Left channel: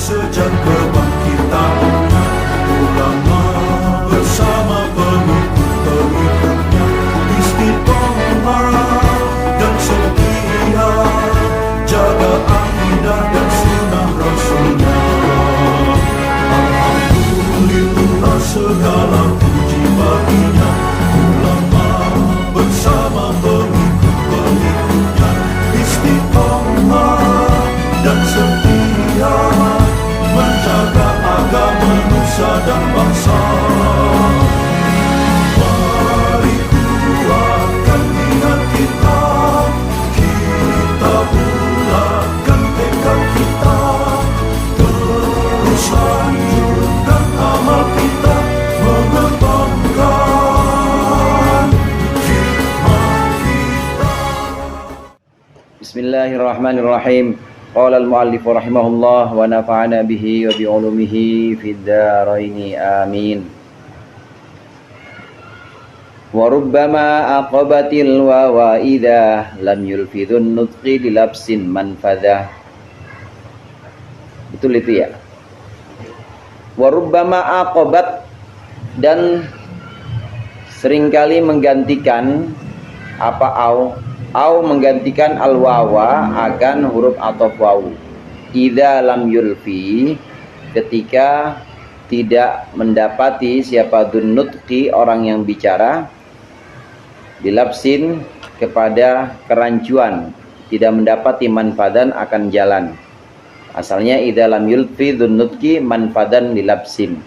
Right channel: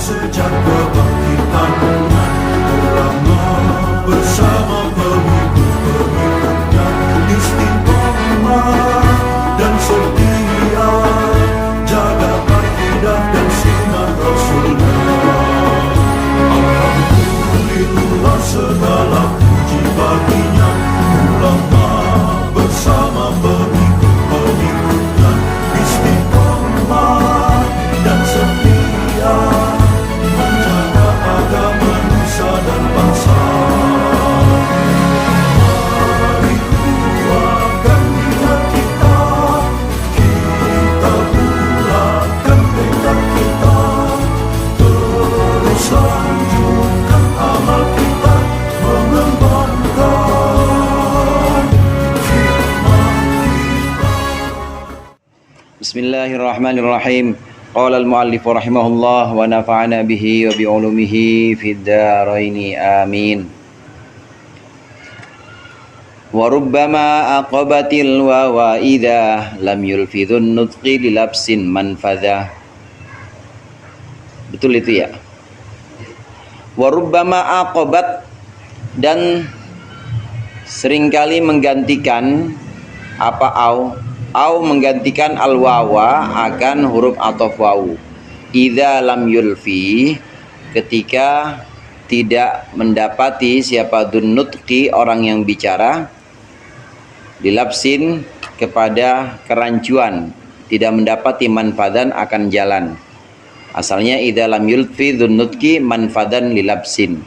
sejak kebangkitan ulama bersama pengikut-pengikutnya istiqomah dan setia jaga akidah dan sunnah Rasulullah. Alhamdulillah segala puji baginya ulama bersama pengikut-pengikutnya istiqomah dan setia menjaga agama nusa dan bangsa. Mari kuatkan niat kita, kita bulatkan tekad kita, terus lanjutkan amal kita, mengembangkan hikmah kita. Bismillahirrahmanirrahim. Qala al-muallif rahimahullah wa nafa'ana bihi wa bi ulumihi fid dharain amin. Wa rubbama aqabatil wawa idza lam yulfidhun nutqi li labsin manfadha. Betul itu ya? Wa rubbama aqabat, dan seringkali menggantikan apa au menggantikan al-wawa akan huruf ataf wawu. Idza lam yulfi, ketika tidak mendapati siapa dunnutqi orang yang bicara, dilapsin kepada kerancuan, tidak mendapati manfadan akan jalan. Asalnya idza lam yulfi dunnutqi manfadan lilapsin.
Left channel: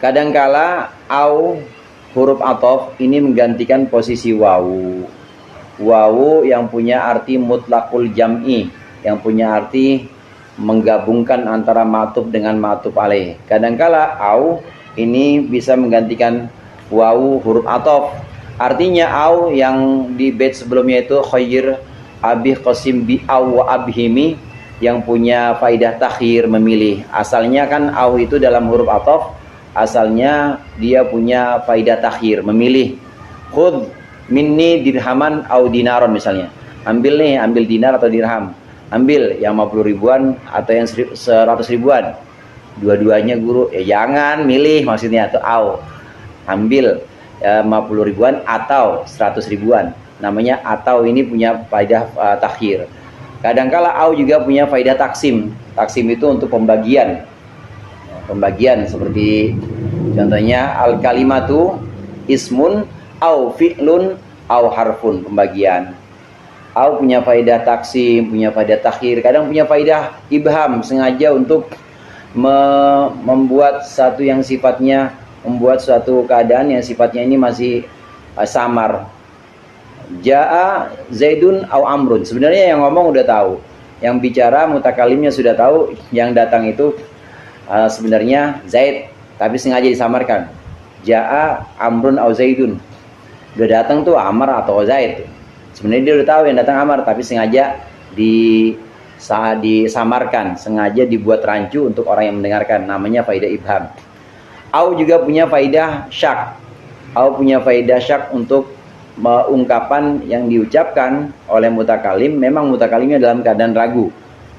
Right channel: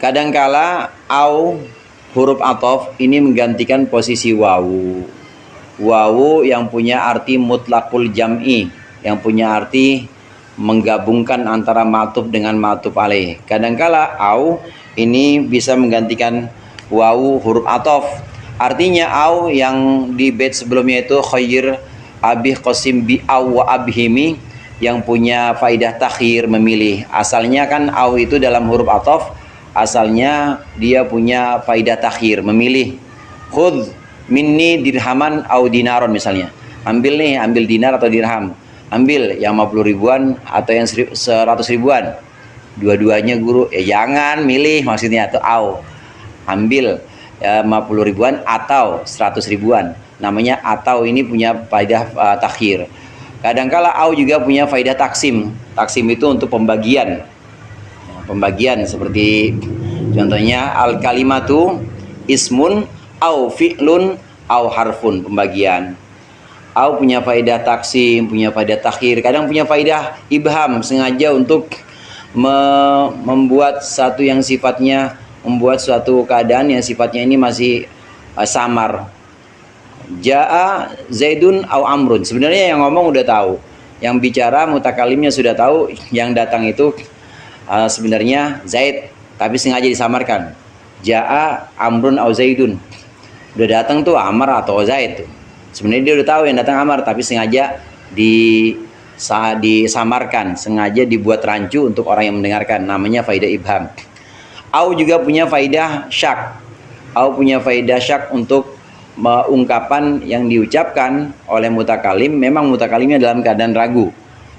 Kadangkala au huruf ataf ini menggantikan posisi wawu. Wawu yang punya arti mutlaqul jam'i, yang punya arti menggabungkan antara ma'tuf dengan ma'tuf alaih. Kadangkala au ini bisa menggantikan wawu huruf ataf. Artinya au yang di bait sebelumnya itu khair abih qasim bi aw wa abhimi, yang punya faidah takhir, memilih. Asalnya kan au itu dalam huruf ataf, asalnya dia punya faidah takhir, memilih. Khudh minni dirhaman au dinaron misalnya. Ambil nih, ambil dinar atau dirham. Ambil yang 50 ribuan atau yang 100 ribuan. Dua-duanya guru, ya jangan milih maksudnya, atau au. Ambil 50 ribuan atau 100 ribuan. Namanya atau ini punya faidah takhir. Kadangkala au juga punya faidah taksim. Taksim itu untuk pembagian. Pembagian seperti contohnya al kalimatu ismun au fi'lun au harfun, pembagian. Au punya faedah taksim, punya faedah takhir, kadang punya faedah ibham, sengaja untuk membuat satu yang sifatnya, membuat suatu keadaan yang sifatnya ini masih samar. Ja'a Zaidun au Amrun, sebenarnya yang ngomong udah tahu, yang bicara mutakalimnya sudah tahu, yang datang itu sebenarnya Zaid, tapi sengaja disamarkan. Ja'a Amrun au Zaidun, udah datang tuh Amar atau Zaid. Sebenarnya dia udah tahu yang datang Amar, tapi sengaja disamarkan, sengaja dibuat rancu untuk orang yang mendengarkan. Namanya faidah ibham. Au juga punya faidah syak. Au punya faidah syak untuk ungkapan yang diucapkan oleh mutakalim, memang mutakalimnya dalam keadaan ragu.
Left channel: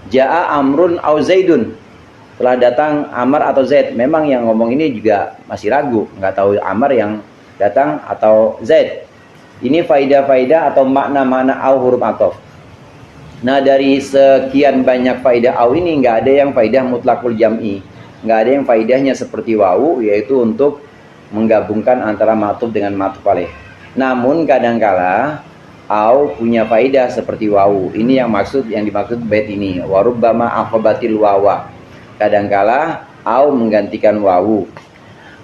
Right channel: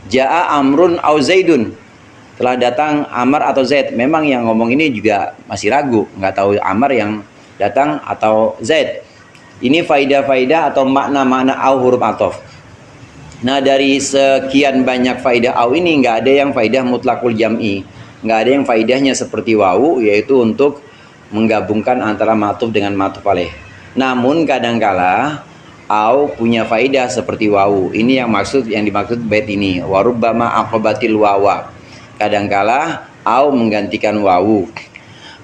Ja'a Amrun au Zaidun, telah datang Amar atau Zaid. Memang yang ngomong ini juga masih ragu, nggak tahu Amar yang datang atau Zaid. Ini faidah-faidah atau makna-makna au huruf ataf. Nah, dari sekian banyak faidah au ini nggak ada yang faidah mutlaqul jam'i, nggak ada yang faidahnya seperti wawu, yaitu untuk menggabungkan antara ma'tuf dengan ma'tuf alaih. Namun kadangkala au punya faidah seperti wawu. Ini yang dimaksud bait ini. Wa rubbama aqabatil wawa. Kadangkala au menggantikan wawu.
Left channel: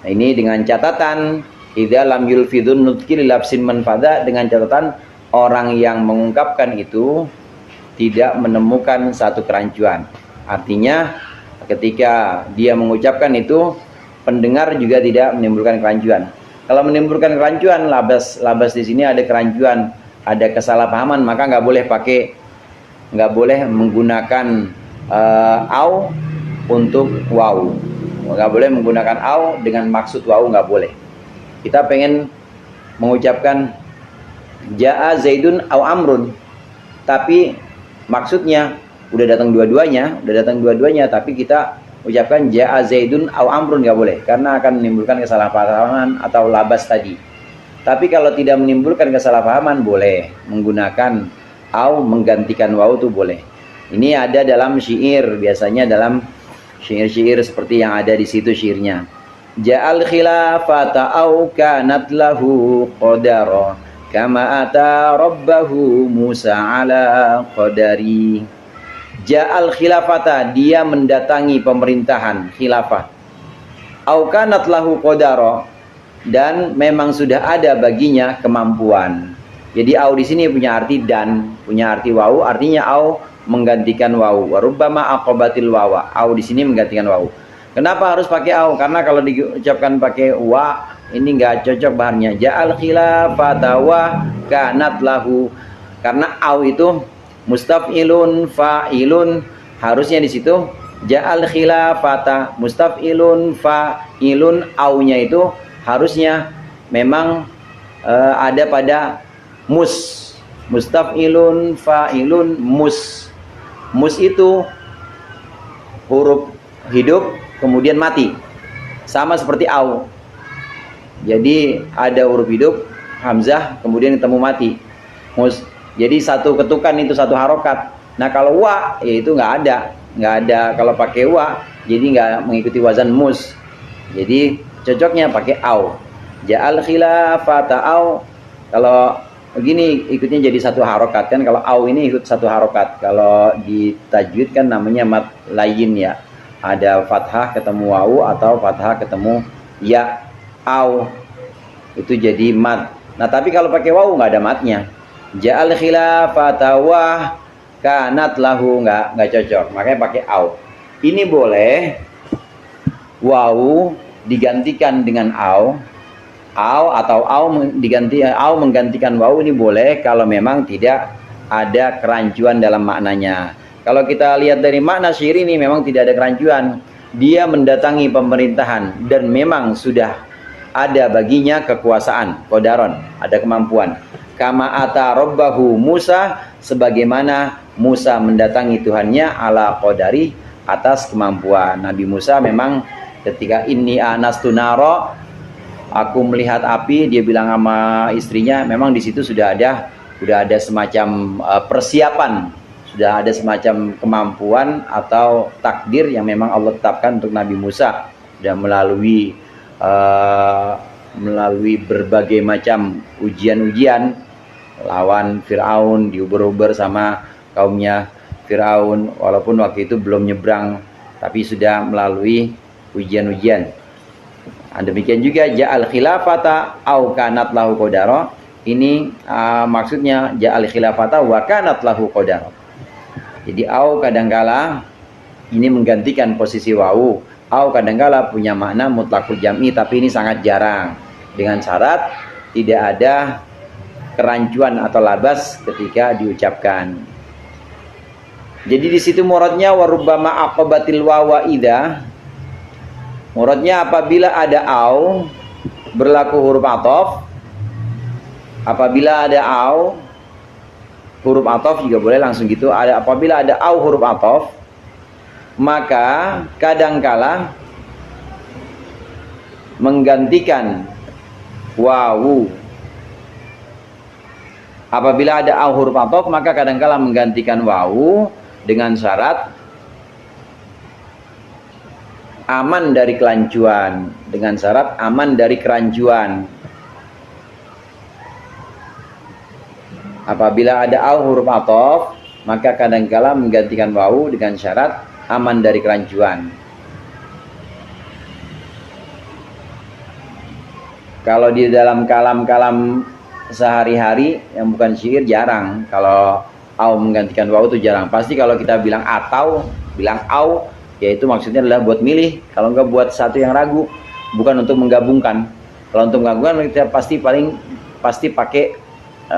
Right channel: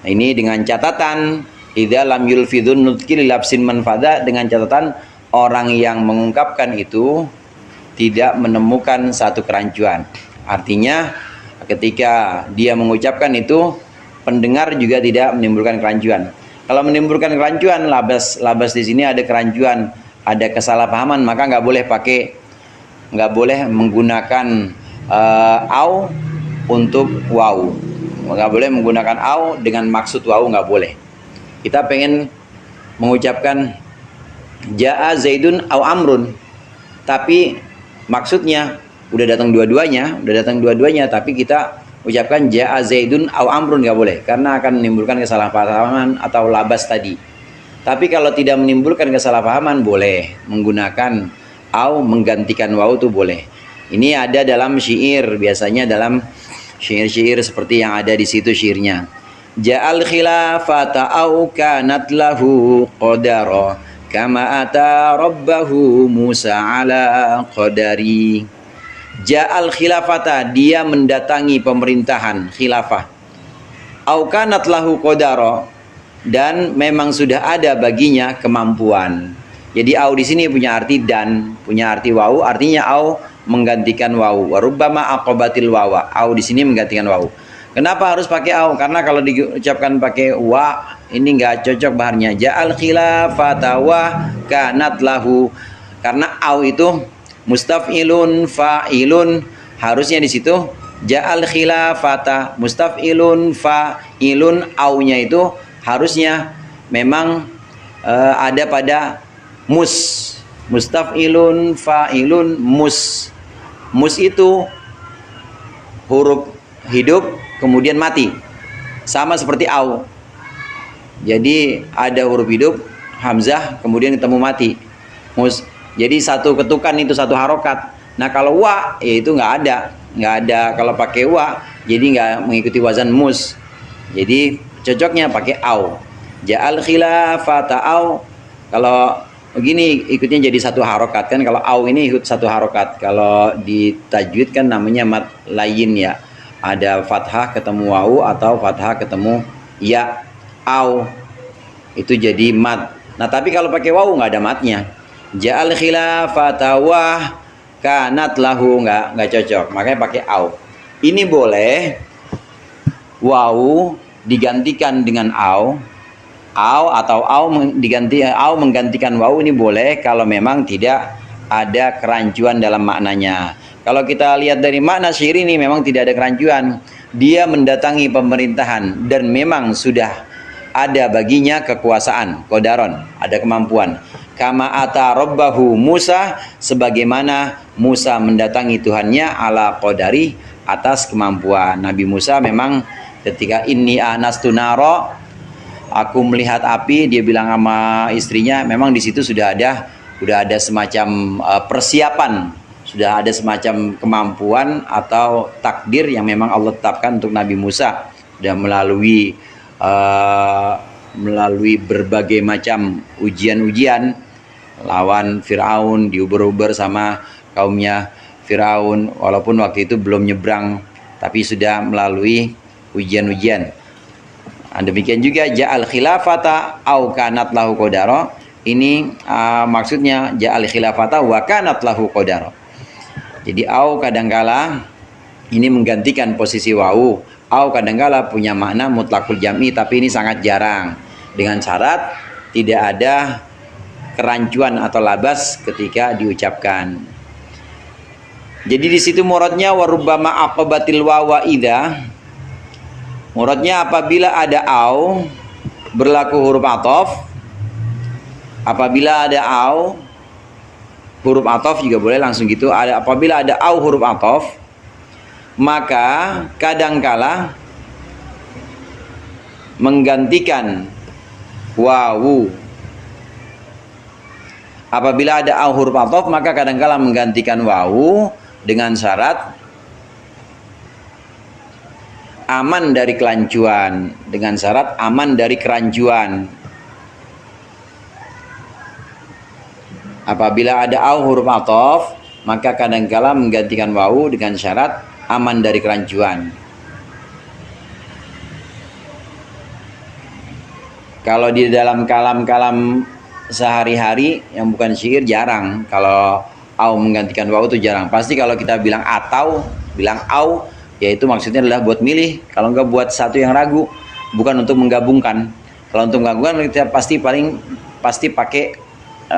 Nah, ini dengan catatan idza lam yulfidhun nutqi li labsin manfadha, dengan catatan orang yang mengungkapkan itu tidak menemukan satu kerancuan. Artinya ketika dia mengucapkan itu, pendengar juga tidak menimbulkan kerancuan. Kalau menimbulkan kerancuan, labas di sini ada kerancuan, ada kesalahpahaman, maka nggak boleh menggunakan au untuk waw. Nggak boleh menggunakan au dengan maksud waw, nggak boleh. Kita pengen mengucapkan Ja'a Zaidun au Amrun, tapi maksudnya udah datang dua-duanya, tapi kita ucapkan ja'a Zaidun au Amrun nggak boleh, karena akan menimbulkan kesalahpahaman atau labas tadi. Tapi kalau tidak menimbulkan kesalahpahaman boleh menggunakan au menggantikan wawu itu boleh. Ini ada dalam syair, biasanya dalam syair-syair seperti yang ada di situ syairnya. Ja'al khilafata au kanat lahu qadara kama ata rabbahu Musa ala qadari. Ja'al khilafata, dia mendatangi pemerintahan khilafah. Au kanat lahu qadara, dan memang sudah ada baginya kemampuan. Jadi au di sini punya arti dan, punya arti wawu, artinya au menggantikan wawu. Wa rubbama aqabatil wawa. Au di sini menggantikan wawu. Kenapa harus pakai au? Karena kalau diucapkan pakai wa, ini enggak cocok baharnya. Ja'al khilafata wa kanat lahu. Karena au itu mustaf'ilun fa'ilun, harusnya di situ ja'al khilafata mustaf'ilun fa'ilun, aunya itu harusnya memang ada pada mustaf'ilun fa'ilun mus. Mus itu huruf hidup kemudian mati, sama seperti au. Jadi ada huruf hidup hamzah kemudian ketemu mati, mus. Jadi satu ketukan itu satu harokat. Nah kalau wa ya itu nggak ada kalau pakai wa, jadi nggak mengikuti wazan mus. Jadi cocoknya pakai au. Ja'al khilafata au, kalau begini ikutnya jadi satu harokat kan. Kalau au ini ikut satu harokat. Kalau di tajwid kan namanya mad layin ya. Ada fathah ketemu wawu atau fathah ketemu ya. Au itu jadi mad. Nah tapi kalau pakai wawu nggak ada madnya. Ja'al khilafata wa kanat lahu, nggak cocok. Makanya pakai au. Ini boleh wawu digantikan dengan au atau au menggantikan wawu, ini boleh kalau memang tidak ada kerancuan dalam maknanya. Kalau kita lihat dari makna syair ini memang tidak ada kerancuan. Dia mendatangi pemerintahan dan memang sudah ada baginya kekuasaan, qadaron, ada kemampuan. Kama ata rabbahu Musa, sebagaimana Musa mendatangi Tuhannya ala qadari, atas kemampuan. Nabi Musa memang ketika inni anastu naro, aku melihat api, dia bilang sama istrinya, memang di situ sudah ada semacam persiapan, sudah ada semacam kemampuan atau takdir yang memang Allah tetapkan untuk Nabi Musa. Sudah melalui berbagai macam ujian-ujian, lawan Fir'aun, diuber-uber sama kaumnya Fir'aun, walaupun waktu itu belum nyebrang, tapi sudah melalui ujian-ujian. Demikian juga ja'al khilafata au kanat lahu qadara. Ini maksudnya ja'al khilafata wa kanat lahu qadara. Jadi au kadangkala ini menggantikan posisi wawu. Au kadangkala punya makna mutlaqul jam'i, tapi ini sangat jarang. Dengan syarat tidak ada kerancuan atau labas ketika diucapkan. Jadi di situ muradnya warubbama aqabatil wawa idza. Muradnya apabila ada au berlaku huruf athof. Apabila ada au huruf athof juga boleh langsung gitu. Apabila ada au huruf athof, maka kadangkala menggantikan wawu. Apabila ada au huruf athof, maka kadangkala menggantikan wawu dengan syarat aman dari kerancuan, dengan syarat aman dari kerancuan. Apabila ada au huruf athof, maka kadangkala menggantikan wawu dengan syarat aman dari kerancuan. Kalau di dalam kalam-kalam sehari-hari yang bukan syair jarang kalau au menggantikan wawu, itu jarang. Pasti kalau kita bilang atau bilang au, yaitu maksudnya adalah buat milih, kalau enggak buat satu yang ragu, bukan untuk menggabungkan. Kalau untuk menggabungkan kita pasti pakai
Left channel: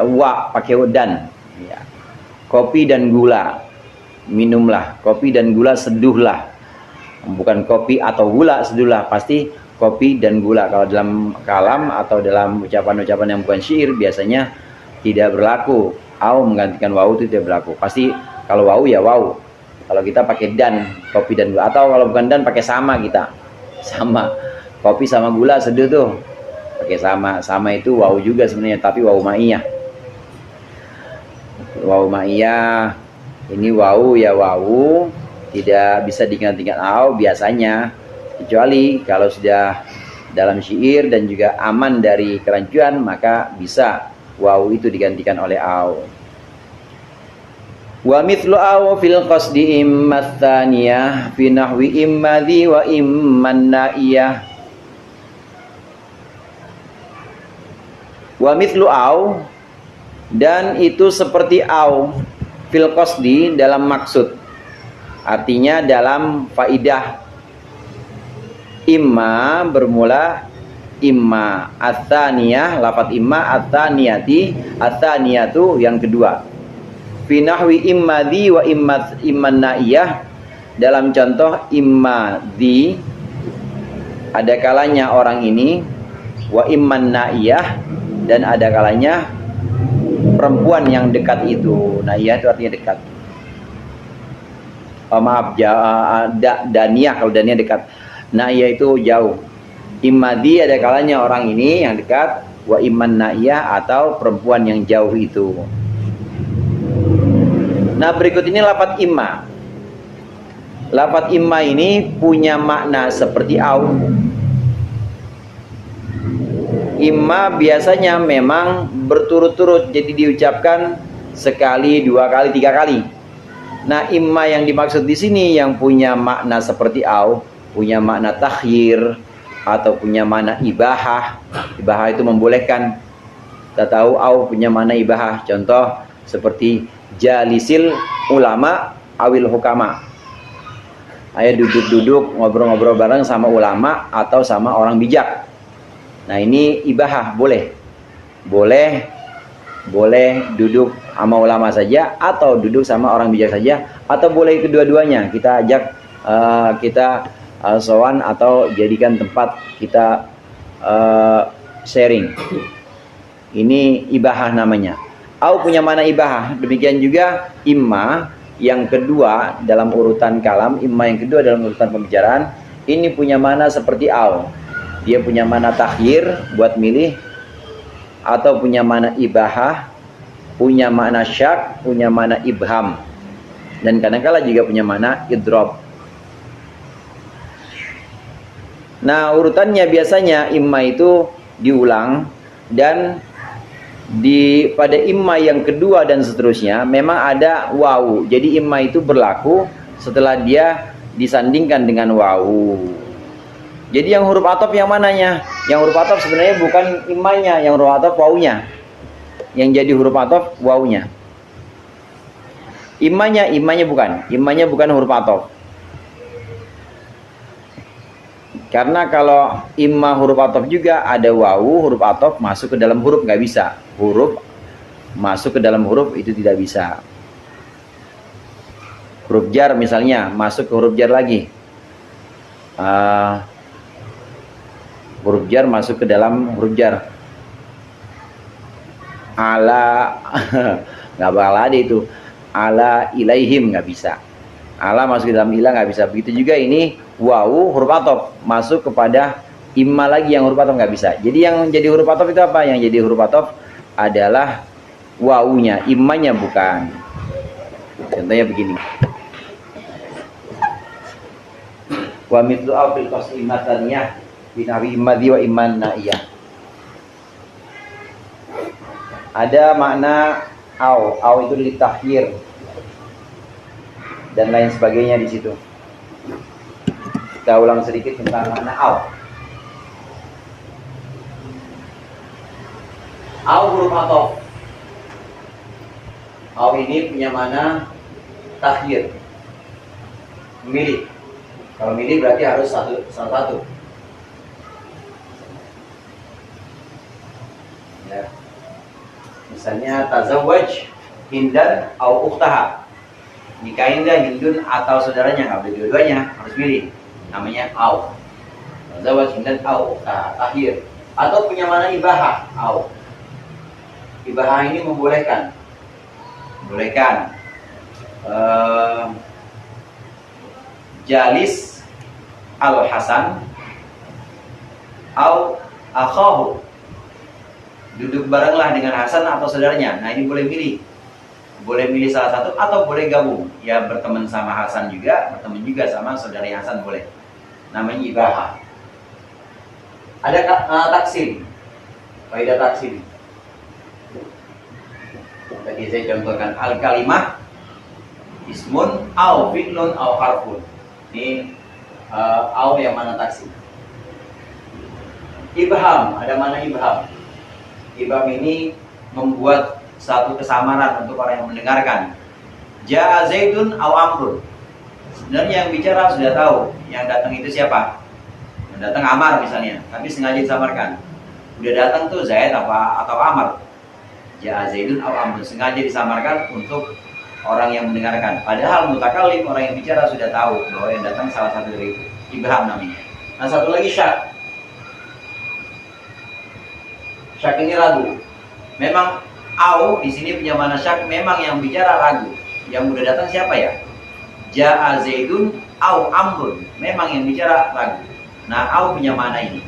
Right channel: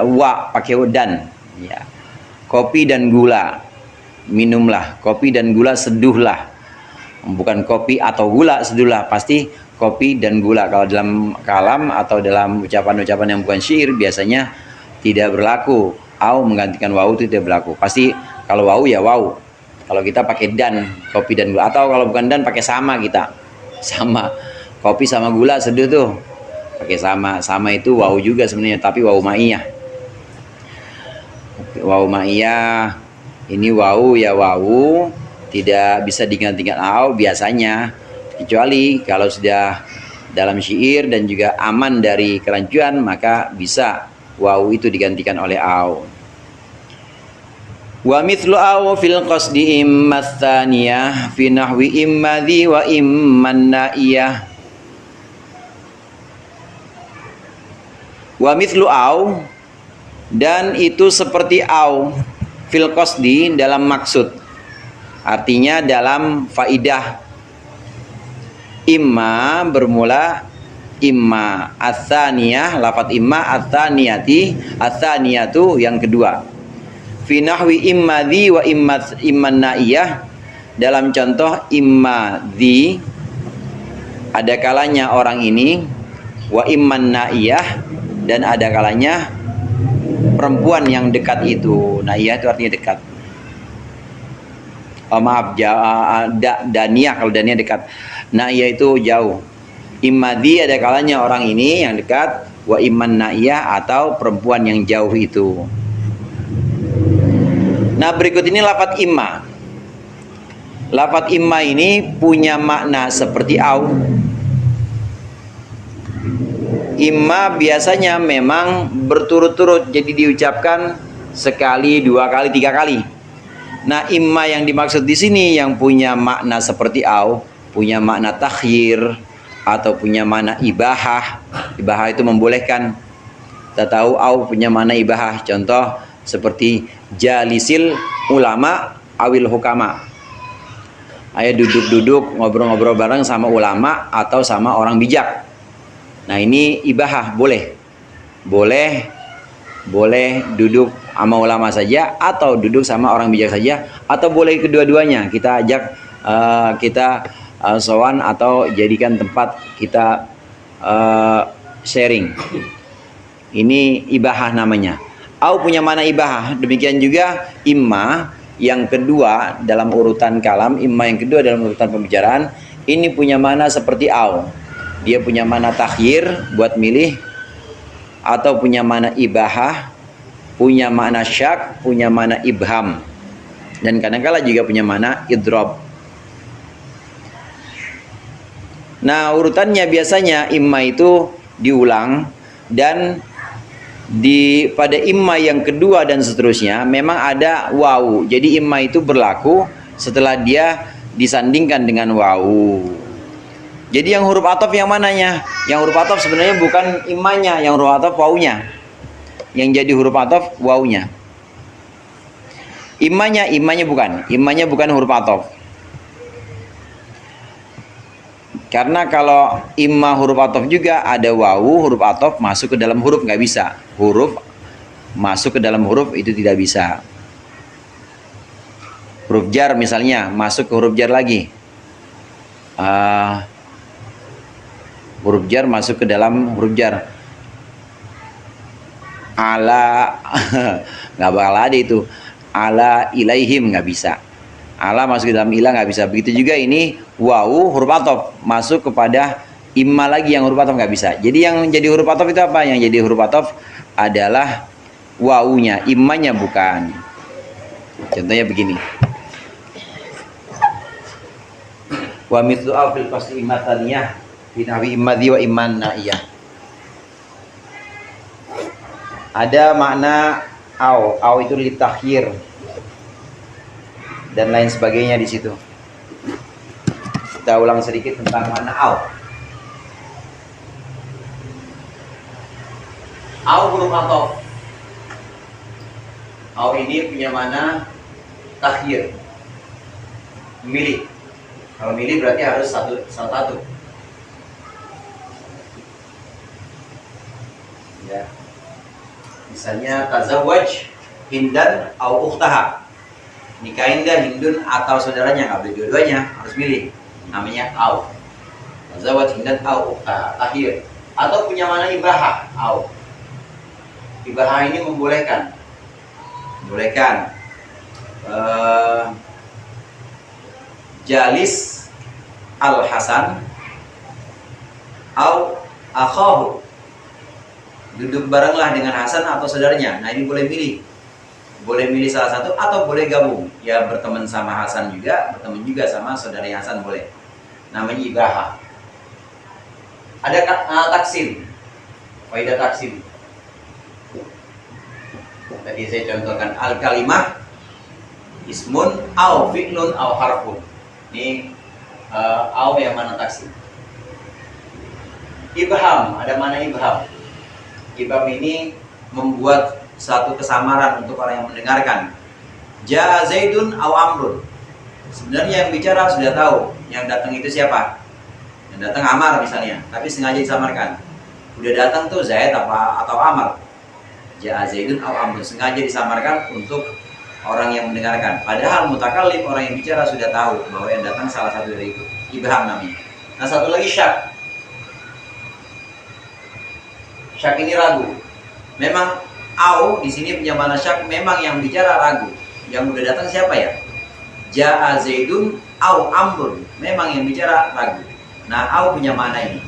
wa, pakai dan ya. Kopi dan gula, minumlah. Kopi dan gula seduhlah. Bukan kopi atau gula seduhlah, pasti kopi dan gula. Kalau dalam kalam atau dalam ucapan-ucapan yang bukan syair biasanya tidak berlaku. Au menggantikan wawu itu tidak berlaku. Pasti kalau wawu ya wawu. Kalau kita pakai dan, kopi dan gula, atau kalau bukan dan pakai sama kita. Sama. Kopi sama gula seduh tuh. Pakai sama. Sama itu wawu juga sebenarnya, tapi wawu ma'iyah. Wawu ma'iyah. Ini wawu ya wawu, tidak bisa digantikan au biasanya, kecuali kalau sudah dalam syair dan juga aman dari kerancuan, maka bisa wawu itu digantikan oleh au. Wa mithlu aw fil qasdi imma tsaniyah fi nahwi imma dhi wa imma naiyah. Wa mithlu aw, dan itu seperti aw fil qasdi dalam maksud, artinya dalam faidah. Imma bermula imma, atsaniyah lafaz imma, atsaniyati atsaniyatu yang kedua. Fi nahwi imma dhi wa imma naiyah, dalam contoh imma dhi ada kalanya orang ini, wa imma naiyah dan ada kalanya perempuan yang dekat itu. Naiyah itu artinya dekat. Oh maaf, daniyah, kalau daniyah dekat. Naiyah itu jauh. Imma dhi ada kalanya orang ini yang dekat, wa imma naiyah atau perempuan yang jauh itu. Nah, berikut ini lafaz imma. Lafaz imma ini punya makna seperti au. Imma biasanya memang berturut-turut, jadi diucapkan sekali, dua kali, tiga kali. Nah, imma yang dimaksud di sini yang punya makna seperti au, punya makna takhyir atau punya makna ibahah. Ibahah itu membolehkan. Kita tahu au punya makna ibahah. Contoh seperti jalisil ulama awil hukama. Ayo duduk-duduk ngobrol-ngobrol bareng sama ulama atau sama orang bijak. Nah, ini ibahah, boleh. Boleh duduk sama ulama saja atau duduk sama orang bijak saja, atau boleh kedua-duanya. Kita ajak sowan atau jadikan tempat kita sharing. Ini ibahah namanya. Au punya mana ibahah. Demikian juga imma yang kedua dalam urutan kalam, imma yang kedua dalam urutan pembicaraan, ini punya mana seperti au. Dia punya mana takhyir buat milih, atau punya mana ibahah, punya makna syak, punya mana ibham, dan kadang-kala juga punya mana idrob. Nah, urutannya biasanya imma itu diulang, dan pada imma yang kedua dan seterusnya memang ada wawu. Jadi imma itu berlaku setelah dia disandingkan dengan wawu. Jadi yang huruf ataf yang mananya? Yang huruf ataf sebenarnya bukan immanya, yang huruf ataf wawunya. Yang jadi huruf ataf wawunya. Immanya bukan huruf ataf. Karena kalau imma huruf ataf juga ada wawu, huruf ataf masuk ke dalam huruf, nggak bisa. Huruf masuk ke dalam huruf itu tidak bisa. Huruf jar misalnya masuk ke huruf jar lagi. Huruf jar masuk ke dalam huruf jar. Ala nggak bakal ada itu. Ala ilaihim nggak bisa. Ala masuk ke dalam ilah nggak bisa. Begitu juga ini wawu huruf ataf masuk kepada imma lagi yang huruf ataf nggak bisa. Jadi yang jadi huruf ataf itu apa? Yang jadi huruf ataf adalah wawunya, immanya bukan. Contohnya begini. Wa mithlu fil qasdi imma tsaniyah fi nahwi imma dhi wa imma naiyah. Ada makna au itu litakhir dan lain sebagainya di situ. Kita ulang sedikit tentang makna au. Au huruf ataf. Au ini punya makna takhir, milih. Kalau milih berarti harus salah satu. Ya. Misalnya tazawwaj Hindan au ukhtaha. Nikahin dah Hindun atau saudaranya, nggak boleh dua-duanya, harus milih. Namanya au. Tazawwaj Hindan au ukhtaha, takhir. Atau punya mana ibahah, au. Ibahah ini membolehkan. jalis al Hasan au akhahu, duduk barenglah dengan Hasan atau saudaranya. Nah ini boleh milih salah satu atau boleh gabung, ya berteman sama Hasan juga, berteman juga sama saudara Hasan boleh. Namanya ibahah. Ada taksim, faedah taksim. Tadi saya contohkan al kalimah ismun au fi'lun au harfun. Ini au yang mana taksim. Ibham, ada mana ibham? Ibham ini membuat satu kesamaran untuk orang yang mendengarkan. Ja'a Zaidun aw Amrun. Sebenarnya yang bicara sudah tahu, yang datang itu siapa? Yang datang Amar misalnya, tapi sengaja disamarkan. Udah datang tuh Zaid atau Amar. Ja'a Zaidun aw Amrun, sengaja disamarkan untuk orang yang mendengarkan. Padahal mutakallim, orang yang bicara sudah tahu bahwa yang datang salah satu dari itu. Ibham namanya. Nah satu lagi syak. Syak ini ragu. Memang au di sini punya mana syak, memang yang bicara ragu. Yang udah datang siapa ya? Ja'a Zaidun au Amrun, memang yang bicara ragu. Nah au punya mana ini.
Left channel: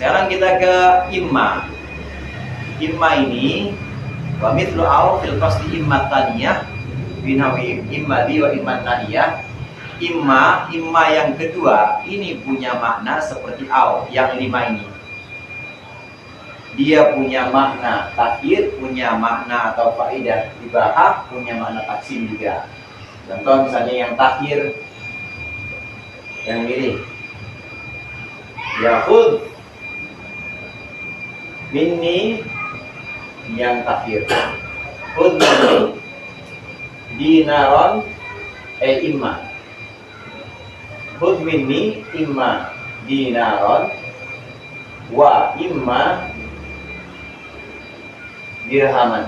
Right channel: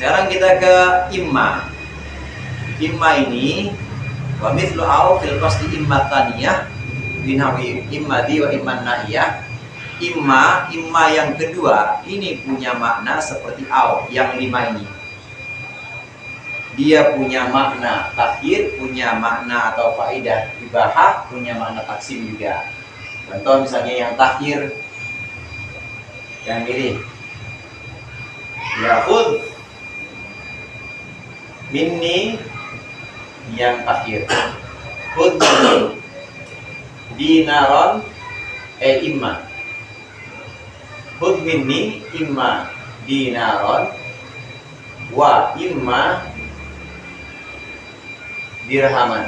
Sekarang kita ke imma. Imma ini wa mithlu au fil qasdi imma taniyah binawi imma di wa imma nahiyah. Imma yang kedua ini punya makna seperti au yang lima ini. Dia punya makna takhir, punya makna atau faidah ibahah, punya makna taksim juga. Contoh misalnya yang takhir, yang mirip yahud minni, yang takhir hud minni dinaron imma, hud minni imma dinaron wa imma dirhaman,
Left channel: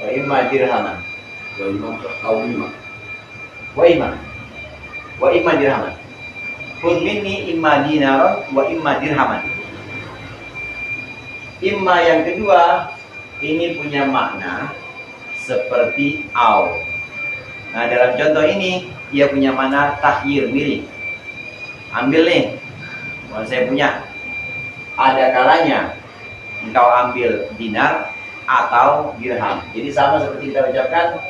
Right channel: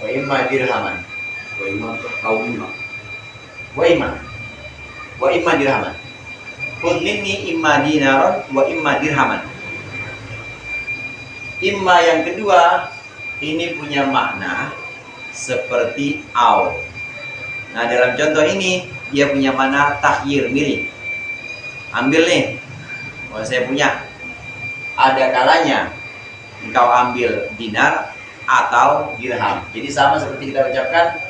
wa imma dirhaman, wa imma dirhaman. Khudh minni imma dinaron wa imma dirhaman. Imma yang kedua ini punya makna seperti au. Nah dalam contoh ini dia punya makna takhyir, milih. Ambil nih, kalau saya punya. Ada kalanya engkau ambil dinar atau dirham. Jadi sama seperti kita ucapkan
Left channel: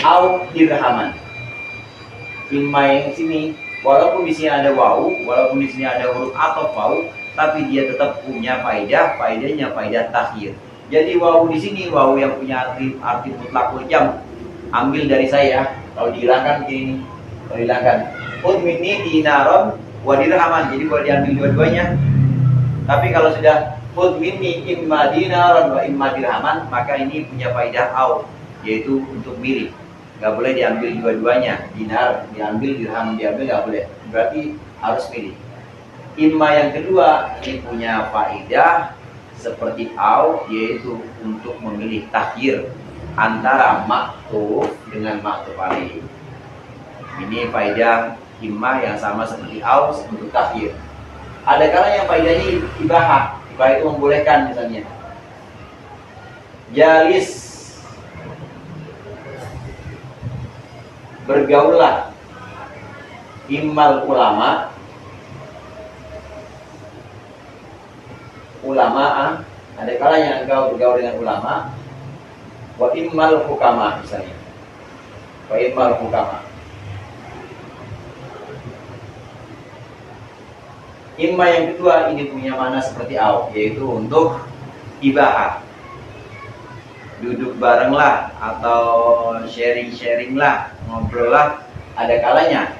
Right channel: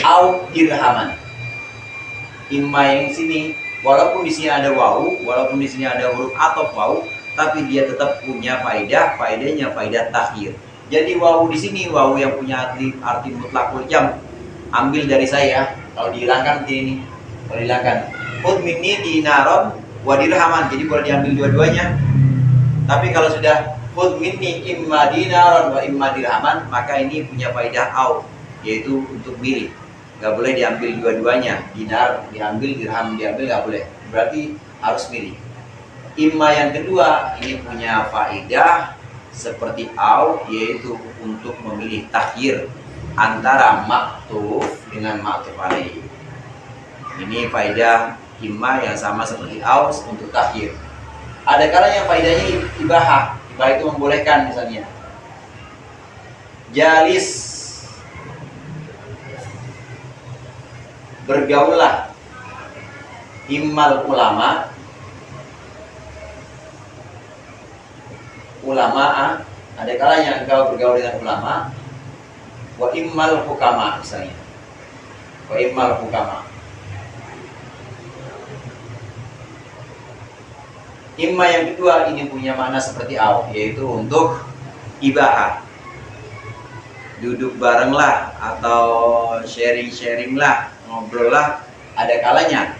au dirhaman. Imma yang sini walaupun di sini ada wawu, walaupun di sini ada huruf atau wawu, tapi dia tetap punya faedahnya faedah takhir. Jadi wawu di sini wawu yang punya arti mutlakul jam. Ambil dari saya, kalau dihilangkan ini, kalau dihilangkan khudh minni dinaron wa dirhaman. Jadi boleh diambil dua-duanya. Tapi kalau sudah khudh minni imma dinaron wa imma dirhaman, maka ini punya faedah au, yaitu untuk milih. Gak boleh diambil dua-duanya, dinar diambil, dirham diambil, gak boleh. Berarti harus milih. Imma yang kedua ini punya faedah seperti au, yaitu untuk memilih takhir antara maktuf dengan maktuf alaih. Ini faedah imma yang sama seperti au untuk takhir. Ada kala yang faedahnya ibahah. Ibahah itu membolehkan misalnya. Jalis, bergaullah. Immal ulama, ada kalanya engkau bergaul dengan ulama. Wa immal hukama misalnya. Wa immal hukama. Imma yang kedua ini punya makna seperti au, yaitu untuk ibahah. Duduk bareng lah atau sharing lah, ngobrol lah, ada kalanya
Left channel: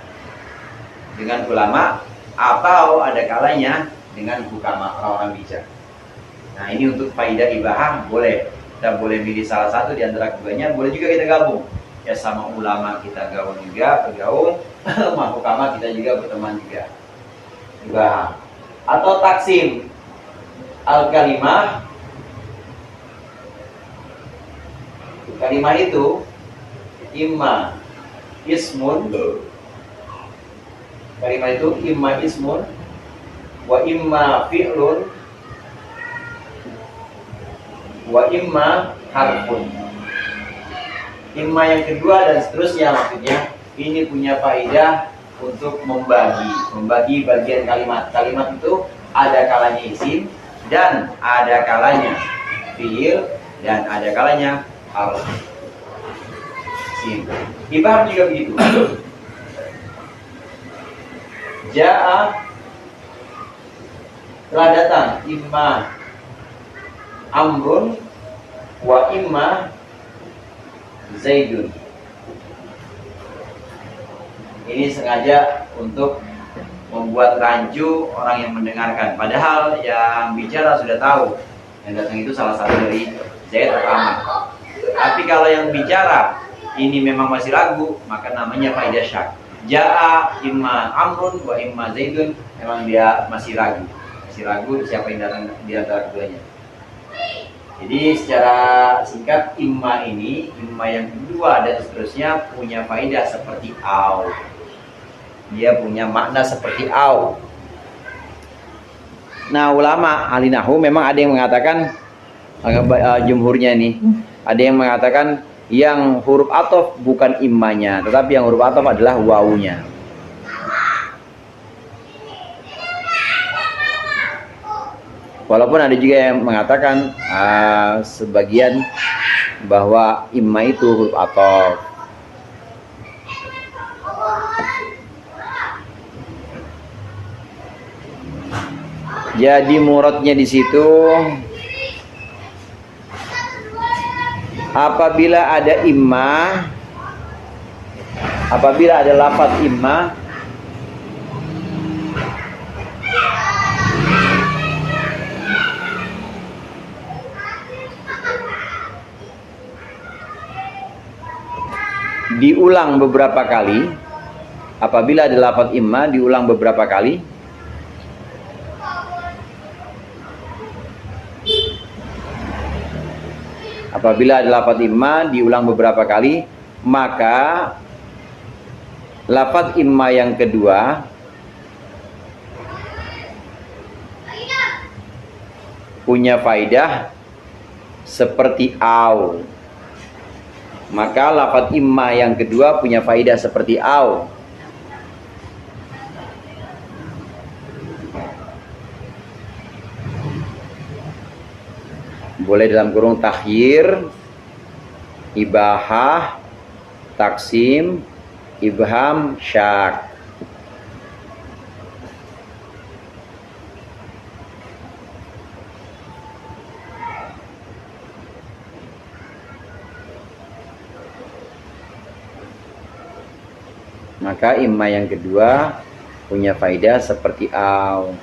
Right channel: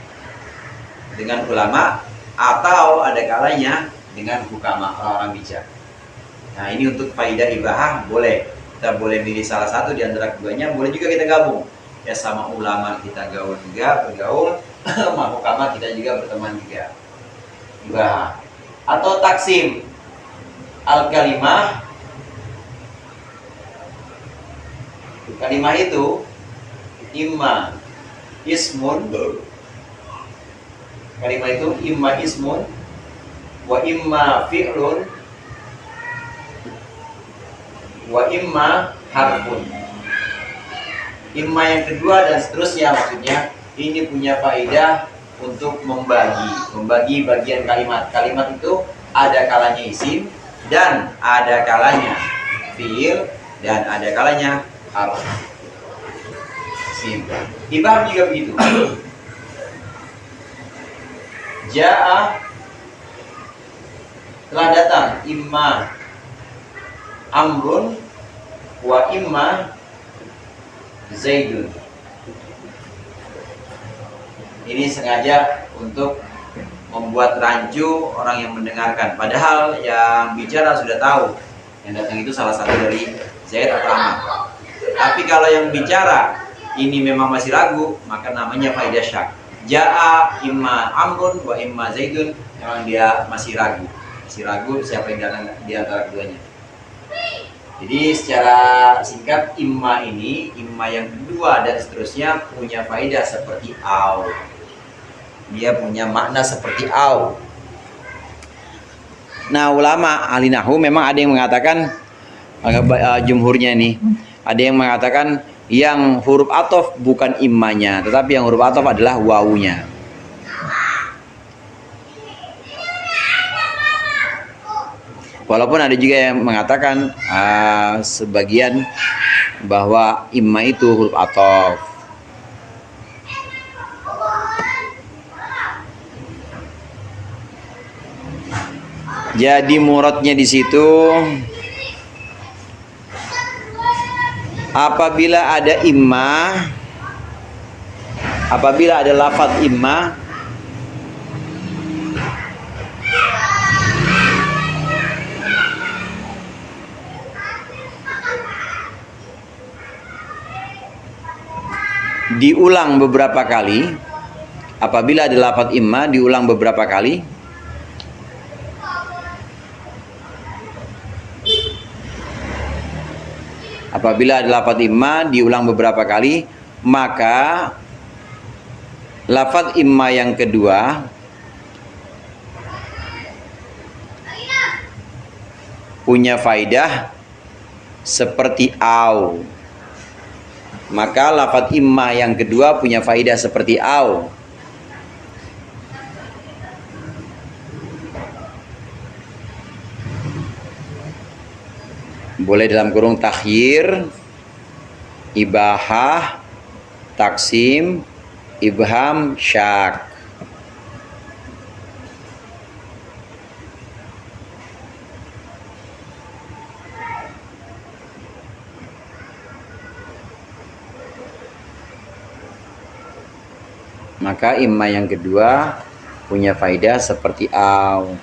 dengan ulama atau ada kalanya dengan hukama, orang-orang bijak. Nah ini untuk faidah ibahah boleh. Kita boleh pilih salah satu di antara keduanya, boleh juga kita gabung. Ya sama ulama kita gaul juga, bergaul, sama hukama kita juga berteman juga. Ibahah. Atau taksim al-kalimah. Kalimah itu imma ismun, kalimah itu imma ismun wa imma fi'lun wa imma harfun. imma yang kedua dan seterusnya, maksudnya ini punya faedah untuk membagi bagian kalimat. Kalimat itu ada kalanya isim dan ada kalanya fiil dan ada kalanya harf. Isim. Ibham juga begitu. Ja'a, telah datang, imma amrun wa imma zaidun. Ini sengaja untuk membuat rancu orang yang mendengarkan, padahal yang bicara sudah tahu yang datang itu salah satu dari Zaid atau Ahmad. Tapi kalau yang bicara ini memang masih ragu, maka namanya faidah syak. Ja'a imma amrun wa imma zaidun, memang dia masih ragu siapa yang datang di antara keduanya. Jadi secara singkat, imma yang kedua dan seterusnya punya faedah seperti au. Dia punya makna seperti au. Nah, ulama ahli nahwu memang ada yang mengatakan, jumhurnya nih, ada yang mengatakan yang huruf athof bukan immanya, tetapi yang huruf athof adalah wawunya. Walaupun ada juga yang mengatakan sebagian bahwa imma itu huruf athof. Jadi muradnya di situ, apabila ada imma, apabila ada lafaz imma, diulang beberapa kali. Apabila ada lafaz imma diulang beberapa kali, apabila ada lafaz imma diulang beberapa kali, maka lafaz imma yang kedua punya faidah seperti au. Maka lafaz imma yang kedua punya faidah seperti au. Boleh dalam kurung takhyir, ibahah, taksim, ibham, syak. Maka imma yang kedua punya faidah seperti au.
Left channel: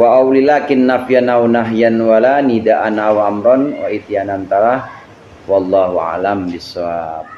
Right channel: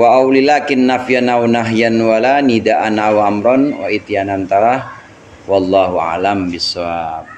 Wa aulilakin nafyan aw nahyan wala nida'an aw amron wa ityanan tara wallahu alam bisawab.